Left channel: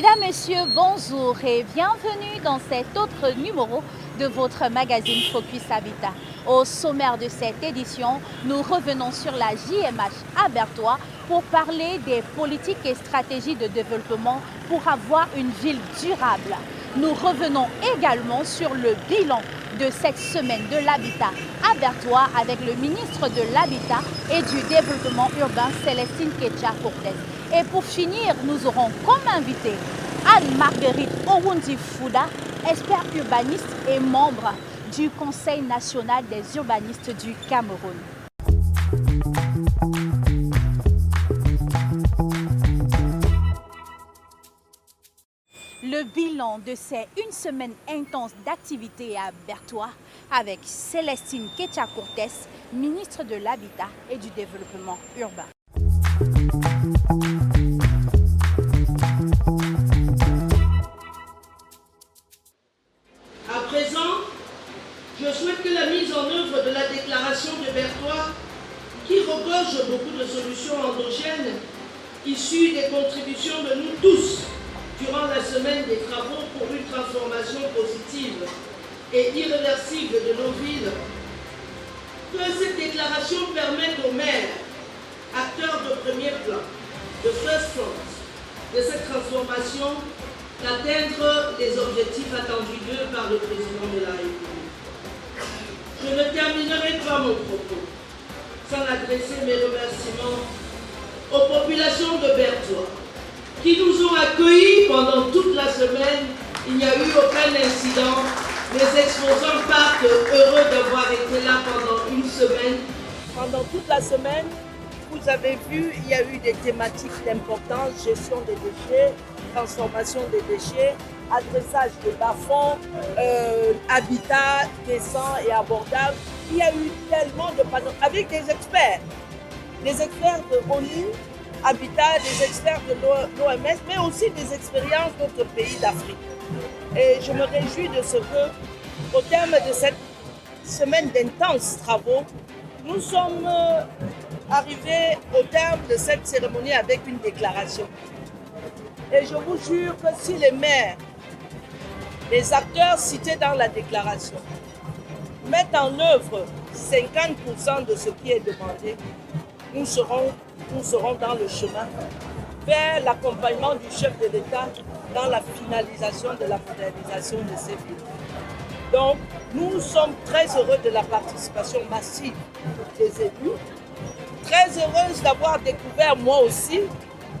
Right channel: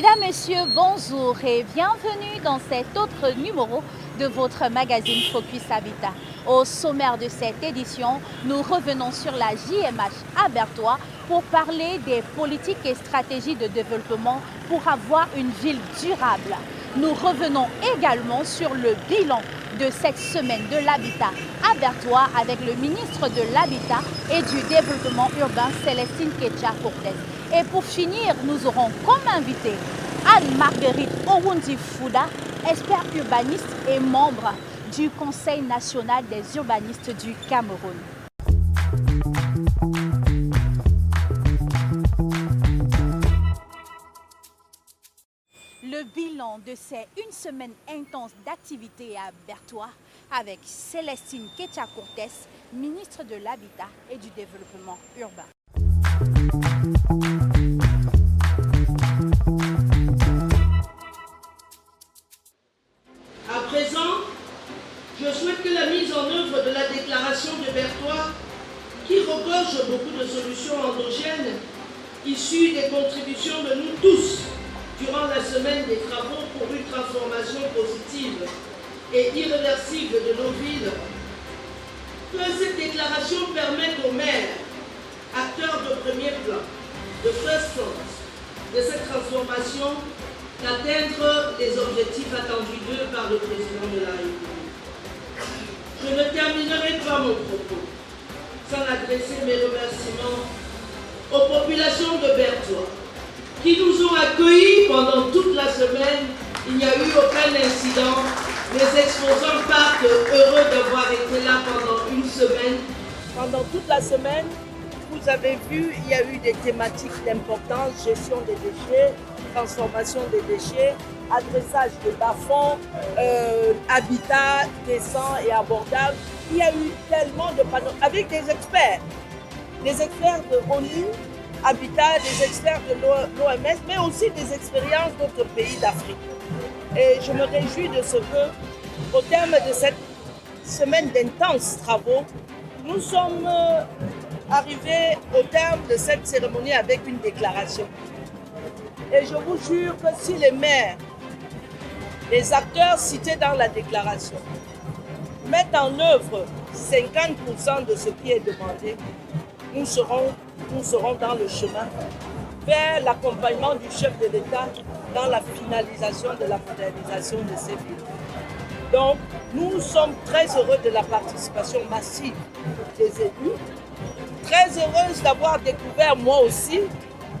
Mesdames, Messieurs, bonjour et bienvenue dans cet autre numéro de votre magazine Focus Habitat. Au sommaire de cette édition, nous revenons sur la JMH à Berthois pour parler des politiques et stratégies de développement pour avoir une ville durable. Nous revenons également sur le bilan de cette semaine de l'habitat à Berthois avec le ministre de l'Habitat et du Développement urbain, Célestine Ketcha-Cortez. Et pour finir, nous aurons comme invité Anne-Marguerite Owundi-Fouda, expert urbaniste et membre du Conseil national des urbanistes du Cameroun. Le bilan de ces une semaine intense d'activité à Berthois avec Célestine Ketcha-Cortez, ministre de l'Habitat et du Développement urbain. À présent, je souhaite que la mise en œuvre de la déclaration de Berthois, qui regorge beaucoup de solutions endogènes issues des contributions de nous tous durant la semaine des travaux pour une transformation positive et irréversible de nos villes, que cette déclaration permette aux maires, acteurs de premier plan, de first front, de cette transformation, d'atteindre les objectifs attendus d'eux par le président de la République. Je ne terminerai pas mon propos sans adresser mes remerciements aux populations de Berthois qui nous ont accueillis pendant toute la semaine. Il n'y a eu aucun incident. Les exposants partent heureux d'avoir été là pendant une semaine. Pendant toute la semaine, vous avez vu, il y a eu des thématiques d'importance, gestion des déchets, transformation des déchets, adressage des bas-fonds, habitat décent et abordable. Il y a eu tellement de panneaux avec des experts de ONU, Habitat, des experts de l'OMS, mais aussi des expériences d'autres pays d'Afrique. Et je me réjouis de ce que, au terme de cette semaine d'intenses travaux, nous sommes arrivés au terme de cette cérémonie avec une déclaration. Et je vous jure que si les maires, les acteurs cités dans la déclaration, mettent en œuvre 50% de ce qui est demandé, nous serons dans le chemin vers l'accompagnement du chef de l'État dans la finalisation de la modernisation de ces villes. Donc, nous sommes très heureux de la participation massive des élus, très heureuse d'avoir découvert moi aussi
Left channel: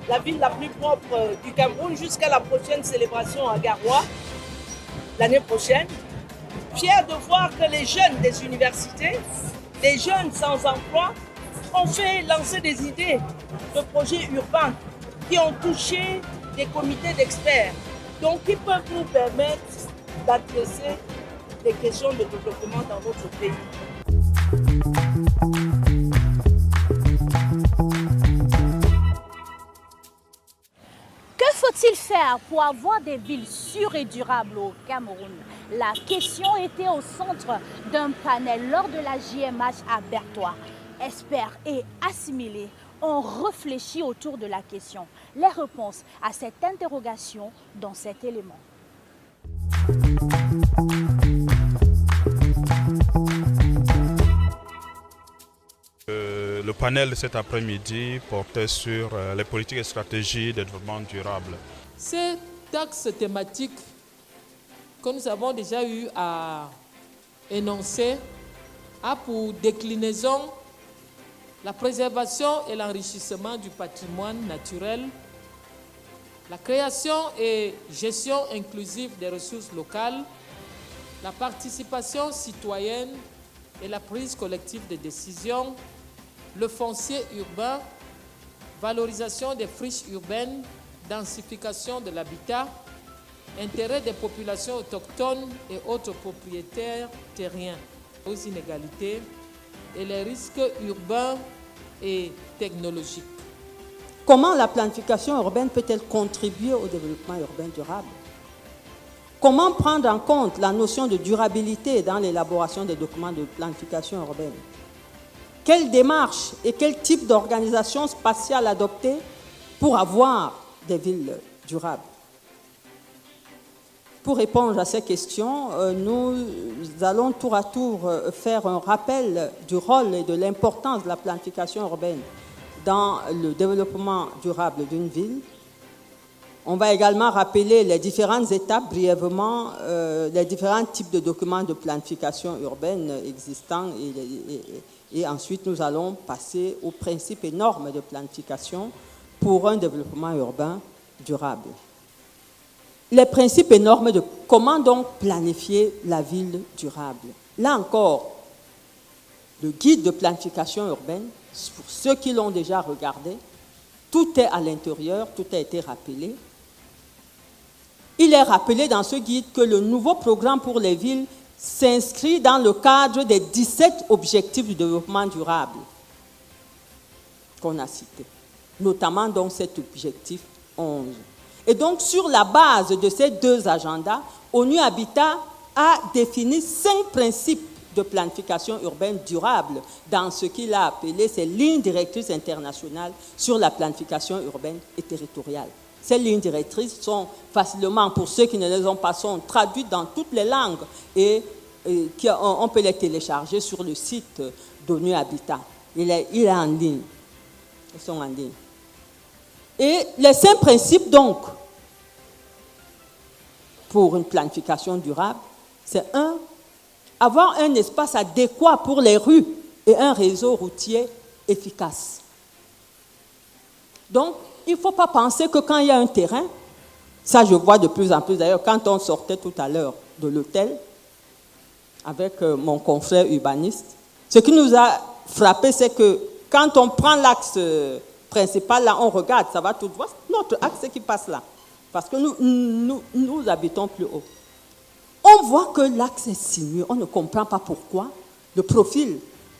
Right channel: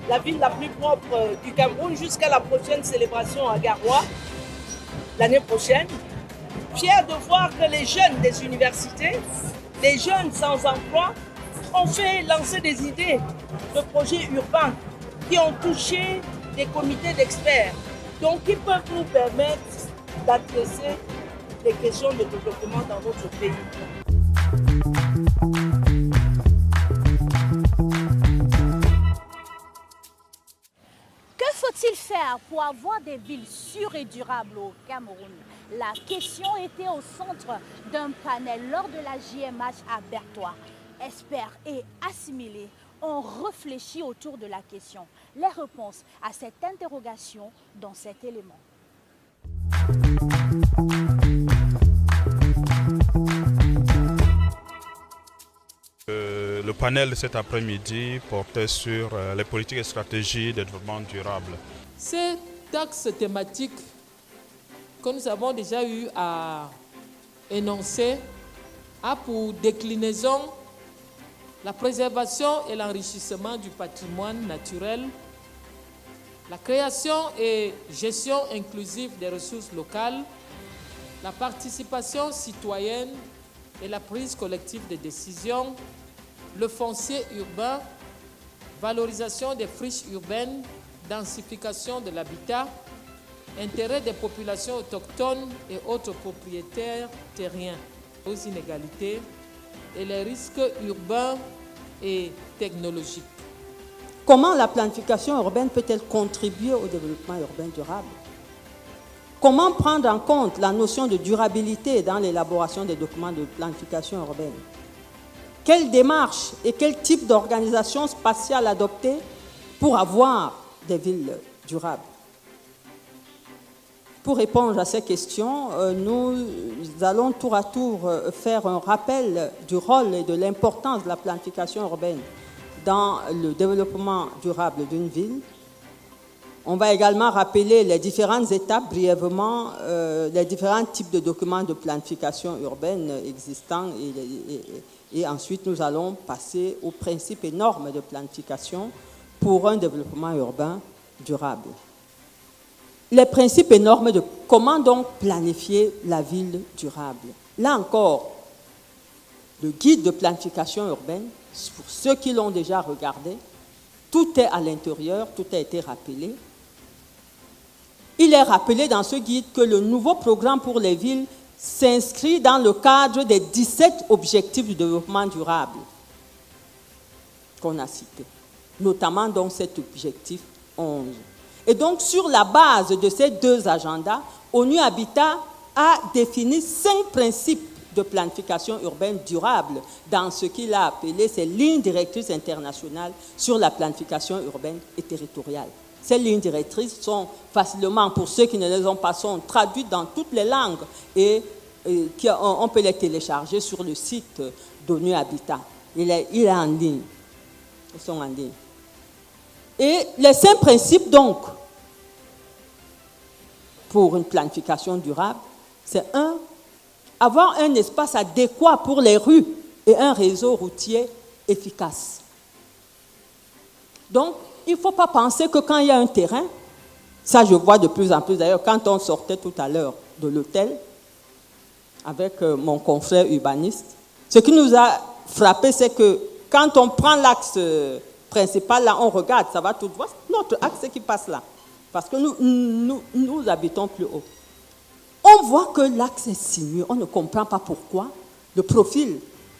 la ville la plus propre du Cameroun jusqu'à la prochaine célébration à Garoua, l'année prochaine. Fière de voir que les jeunes des universités, les jeunes sans emploi, ont fait lancer des idées de projets urbains qui ont touché des comités d'experts, donc qui peuvent nous permettre d'adresser des questions de développement dans notre pays. Que faut-il faire pour avoir des villes sûres et durables au Cameroun? La question était au centre d'un panel lors de la JMH à Berthois. Experts et assimilés ont réfléchi autour de la question. Les réponses à cette interrogation dans cet élément. Le panel de cet après-midi portait sur les politiques et stratégies de développement durable. Cet axe thématique que nous avons déjà eu à énoncer a pour déclinaison la préservation et l'enrichissement du patrimoine naturel, la création et gestion inclusive des ressources locales, la participation citoyenne et la prise collective de décisions, le foncier urbain, valorisation des friches urbaines, densification de l'habitat, intérêt des populations autochtones et autres propriétaires terriens, aux inégalités et les risques urbains et technologiques. Comment la planification urbaine peut-elle contribuer au développement urbain durable? Comment prendre en compte la notion de durabilité dans l'élaboration des documents de planification urbaine? Quelle démarche et quel type d'organisation spatiale adopter pour avoir des villes durables? Pour répondre à ces questions, nous allons tour à tour faire un rappel du rôle et de l'importance de la planification urbaine dans le développement durable d'une ville. On va également rappeler les différentes étapes, brièvement, les différents types de documents de planification urbaine existants et ensuite nous allons passer aux principes et normes de planification pour un développement urbain durable. Les principes et normes de comment donc planifier la ville durable. Là encore, le guide de planification urbaine, pour ceux qui l'ont déjà regardé, tout est à l'intérieur, tout a été rappelé. Il est rappelé dans ce guide que le nouveau programme pour les villes s'inscrit dans le cadre des 17 objectifs du développement durable qu'on a cités, notamment donc cet objectif 11. Et donc, sur la base de ces deux agendas, ONU Habitat a défini 5 principes de planification urbaine durable dans ce qu'il a appelé ses lignes directrices internationales sur la planification urbaine et territoriale. Ces lignes directrices sont facilement, pour ceux qui ne les ont pas, sont traduites dans toutes les langues et on peut les télécharger sur le site d'ONU Habitat. Il est en ligne. Ils sont en ligne. Et les 5 principes, donc, pour une planification durable, c'est 1, avoir un espace adéquat pour les rues et un réseau routier efficace. Donc, il ne faut pas penser que quand il y a un terrain, ça je vois de plus en plus, d'ailleurs, quand on sortait tout à l'heure de l'hôtel, avec mon confrère urbaniste, ce qui nous a frappé, c'est que quand on prend l'axe principal, là, on regarde, ça va tout droit. Notre axe qui passe là, parce que nous habitons plus haut. On voit que l'axe est sinueux, on ne comprend pas pourquoi. Le profil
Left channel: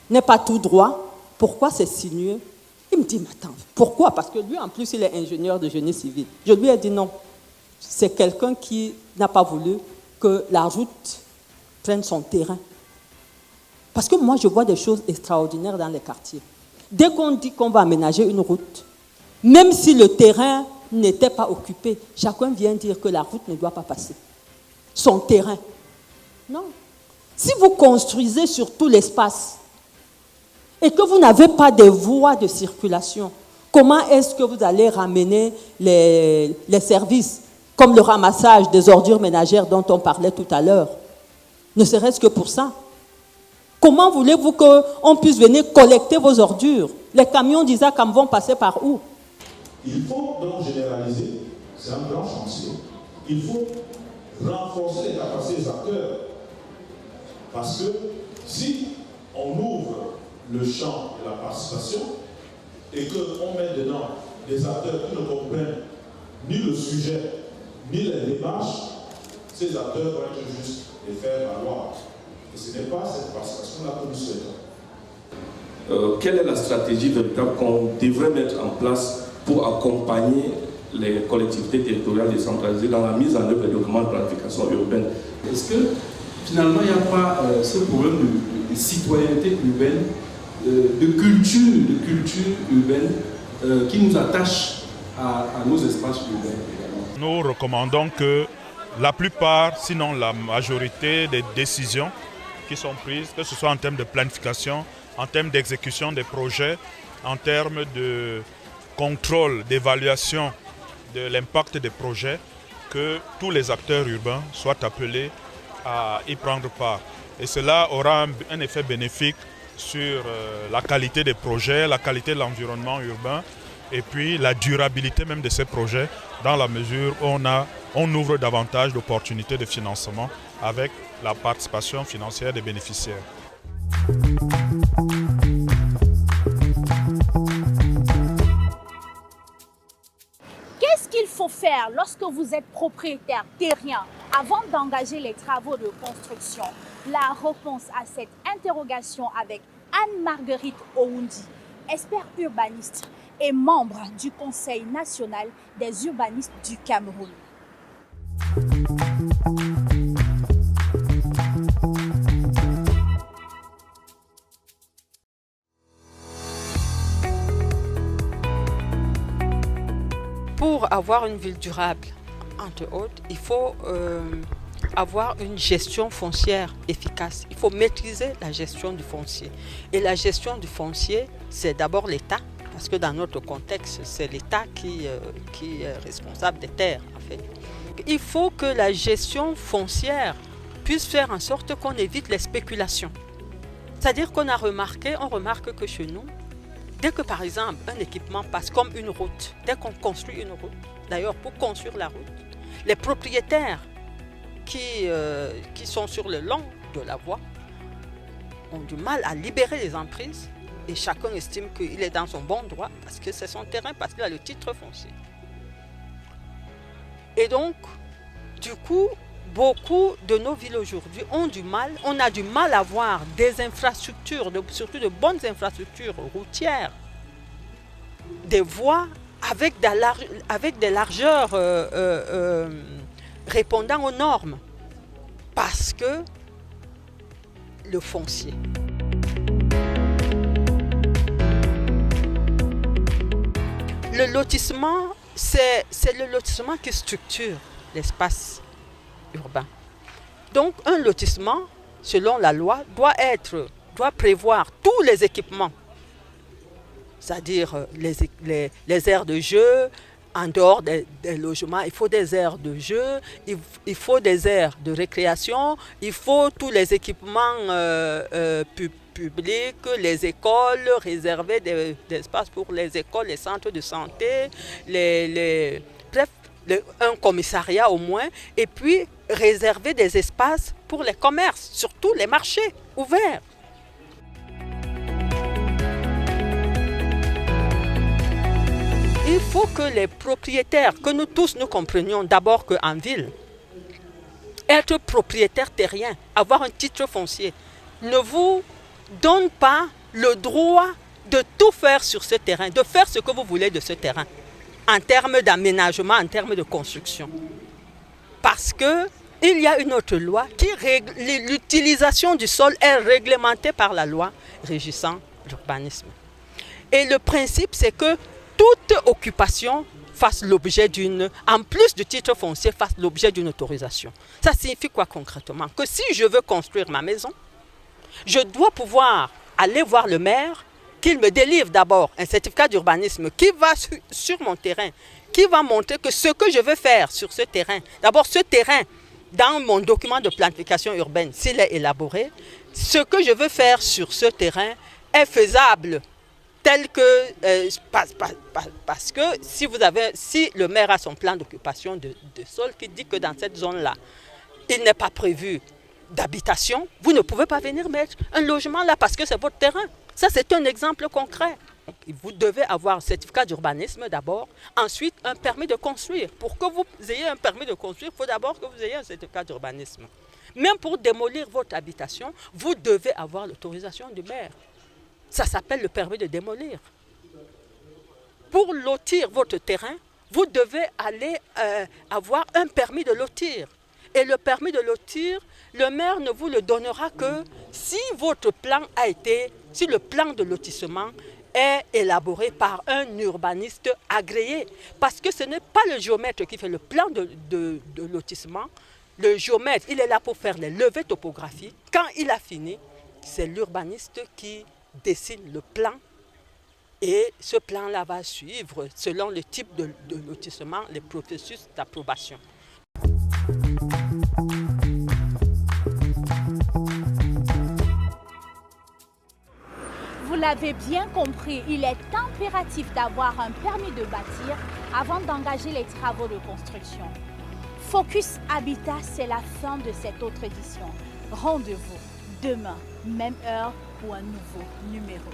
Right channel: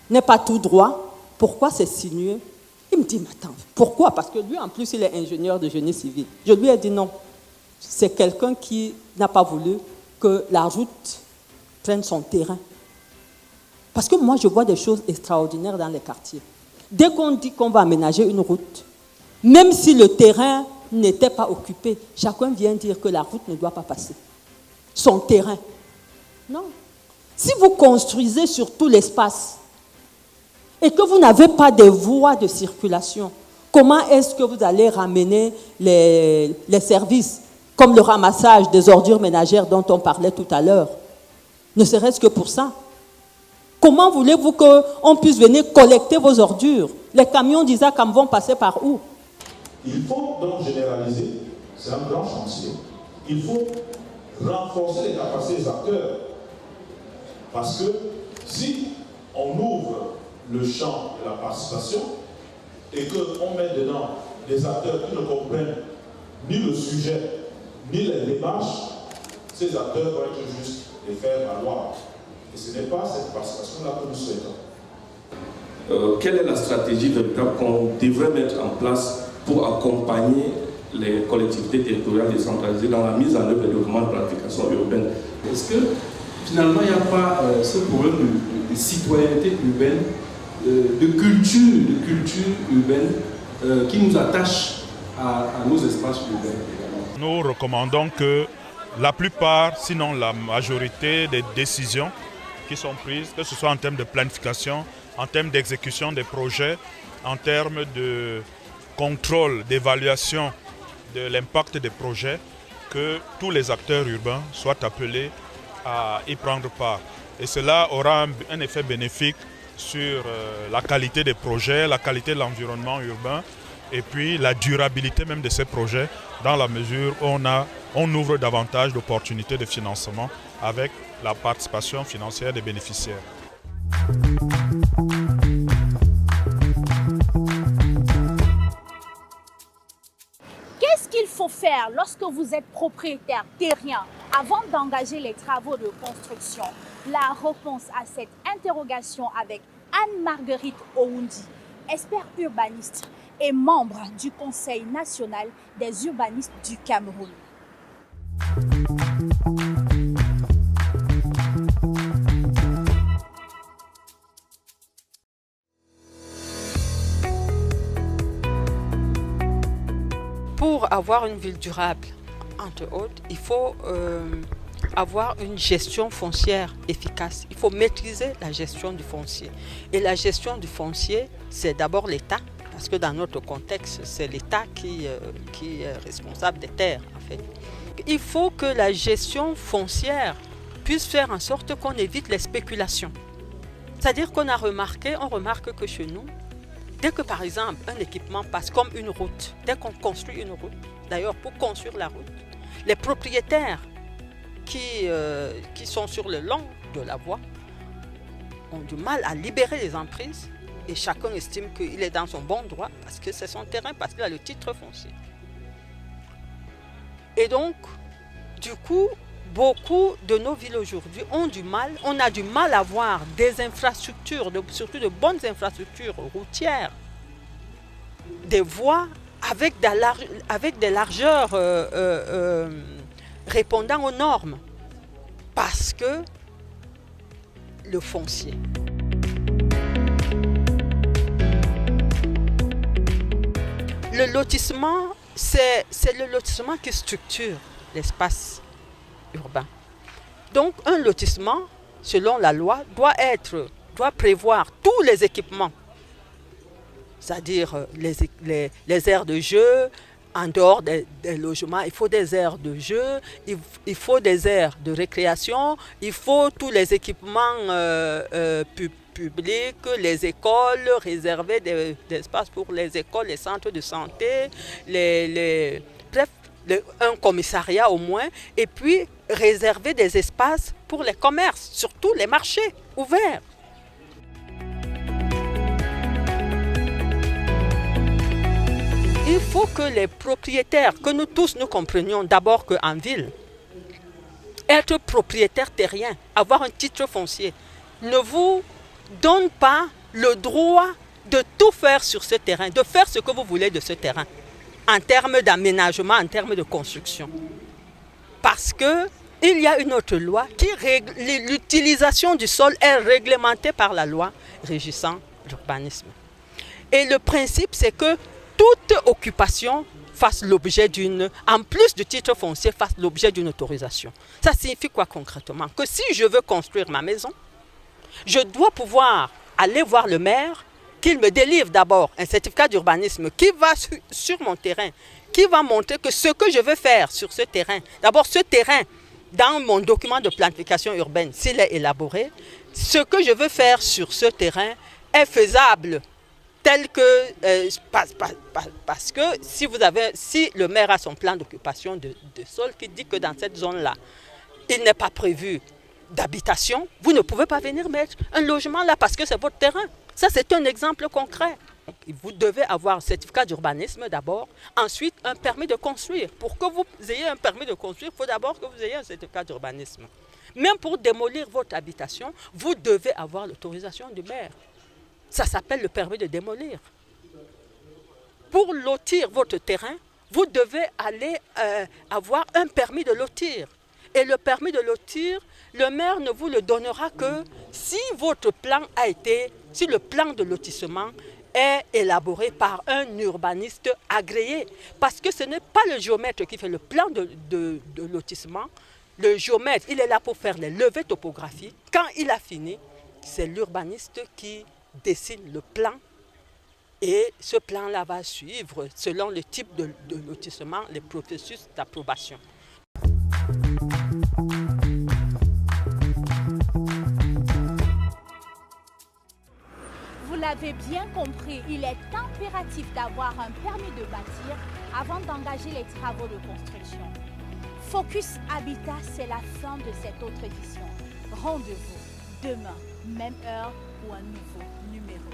n'est pas tout droit. Pourquoi c'est sinueux? Il me dit, mais attends, pourquoi? Parce que lui, en plus, il est ingénieur de génie civil. Je lui ai dit non. C'est quelqu'un qui n'a pas voulu que la route prenne son terrain. Parce que moi, je vois des choses extraordinaires dans les quartiers. Dès qu'on dit qu'on va aménager une route, même si le terrain n'était pas occupé, chacun vient dire que la route ne doit pas passer. Son terrain. Non. Si vous construisez sur tout l'espace et que vous n'avez pas de voies de circulation, comment est-ce que vous allez ramener les services comme le ramassage des ordures ménagères dont on parlait tout à l'heure? Ne serait-ce que pour ça. Comment voulez-vous qu'on puisse venir collecter vos ordures? Les camions d'Isacam vont passer par où? Il faut donc généraliser, c'est un grand chantier. Il faut renforcer les capacités des acteurs. Parce que si on ouvre le champ de la participation et qu'on met dedans des acteurs qui ne comprennent ni le sujet, ni les démarches, ces acteurs vont être juste les faire valoir. Et ce n'est pas cette participation-là que nous souhaitons. Quelle est la stratégie véritable qu'on devrait mettre en place pour accompagner les collectivités territoriales décentralisées dans la mise en œuvre des documents de planification urbaine? Est-ce que finalement il n'y a pas ce problème de citoyenneté urbaine, de culture urbaine qui nous attache à nos espaces urbains également? Nous recommandons que la plupart, sinon la majorité des décisions qui sont prises, que ce soit en termes de planification, en termes d'exécution des projets, en termes de contrôle, d'évaluation de l'impact des projets, que tous les acteurs urbains soient appelés à y prendre part. Et cela aura un effet bénéfique sur la qualité des projets, la qualité de l'environnement urbain et puis la durabilité même de ces projets dans la mesure où on ouvre davantage d'opportunités de financement avec la participation financière des bénéficiaires. Qu'est-ce qu'il faut faire lorsque vous êtes propriétaire terrien avant d'engager les travaux de construction? La réponse à cette interrogation avec Anne-Marguerite Oundi, expert urbaniste et membre du Conseil national des urbanistes du Cameroun. Pour avoir une ville durable, entre autres, il faut avoir une gestion foncière efficace. Il faut maîtriser la gestion du foncier. Et la gestion du foncier, c'est d'abord l'État, parce que dans notre contexte, c'est l'État qui est responsable des terres, en fait. Il faut que la gestion foncière puisse faire en sorte qu'on évite les spéculations. C'est-à-dire qu'on remarque que chez nous, dès que par exemple un équipement passe comme une route, dès qu'on construit une route, d'ailleurs pour construire la route, les propriétaires qui sont sur le long de la voie ont du mal à libérer les emprises et chacun estime qu'il est dans son bon droit parce que c'est son terrain, parce qu'il a le titre foncier. Et donc, du coup, beaucoup de nos villes aujourd'hui on a du mal à avoir des infrastructures, surtout de bonnes infrastructures routières, des voies avec des largeurs répondant aux normes, parce que le foncier. Le lotissement, c'est le lotissement qui structure l'espace urbain. Donc un lotissement, selon la loi, doit prévoir tous les équipements, c'est-à-dire les aires de jeu. En dehors des logements, il faut des aires de jeu, il faut des aires de récréation, il faut tous les équipements publics, les écoles, réserver des espaces pour les écoles, les centres de santé, bref, un commissariat au moins, et puis réserver des espaces pour les commerces, surtout les marchés ouverts. Il faut que les propriétaires, que nous tous nous comprenions d'abord qu'en ville, être propriétaire terrien, avoir un titre foncier, ne vous donne pas le droit de tout faire sur ce terrain, de faire ce que vous voulez de ce terrain, en termes d'aménagement, en termes de construction. Parce qu'il y a une autre loi qui règle, l'utilisation du sol est réglementée par la loi régissant l'urbanisme. Et le principe, c'est que toute occupation fasse l'objet en plus du titre foncier, fasse l'objet d'une autorisation. Ça signifie quoi concrètement? Que si je veux construire ma maison, je dois pouvoir aller voir le maire, qu'il me délivre d'abord un certificat d'urbanisme qui va sur mon terrain, qui va montrer que ce que je veux faire sur ce terrain, d'abord ce terrain, dans mon document de planification urbaine, s'il est élaboré, ce que je veux faire sur ce terrain est faisable. Tel que, parce que si le maire a son plan d'occupation de sol qui dit que dans cette zone-là, il n'est pas prévu d'habitation, vous ne pouvez pas venir mettre un logement là parce que c'est votre terrain. Ça, c'est un exemple concret. Donc, vous devez avoir un certificat d'urbanisme d'abord, ensuite un permis de construire. Pour que vous ayez un permis de construire, il faut d'abord que vous ayez un certificat d'urbanisme. Même pour démolir votre habitation, vous devez avoir l'autorisation du maire. Ça s'appelle le permis de démolir. Pour lotir votre terrain, vous devez aller avoir un permis de lotir. Et le permis de lotir, le maire ne vous le donnera que si votre plan si le plan de lotissement est élaboré par un urbaniste agréé. Parce que ce n'est pas le géomètre qui fait le plan de lotissement. Le géomètre, il est là pour faire les levées topographiques. Quand il a fini, c'est l'urbaniste qui dessine le plan et ce plan-là va suivre, selon le type de lotissement, les processus d'approbation. Vous l'avez bien compris, il est impératif d'avoir un permis de bâtir avant d'engager les travaux de construction. Focus Habitat, c'est la fin de cette autre édition. Rendez-vous demain, même heure, pour un nouveau numéro.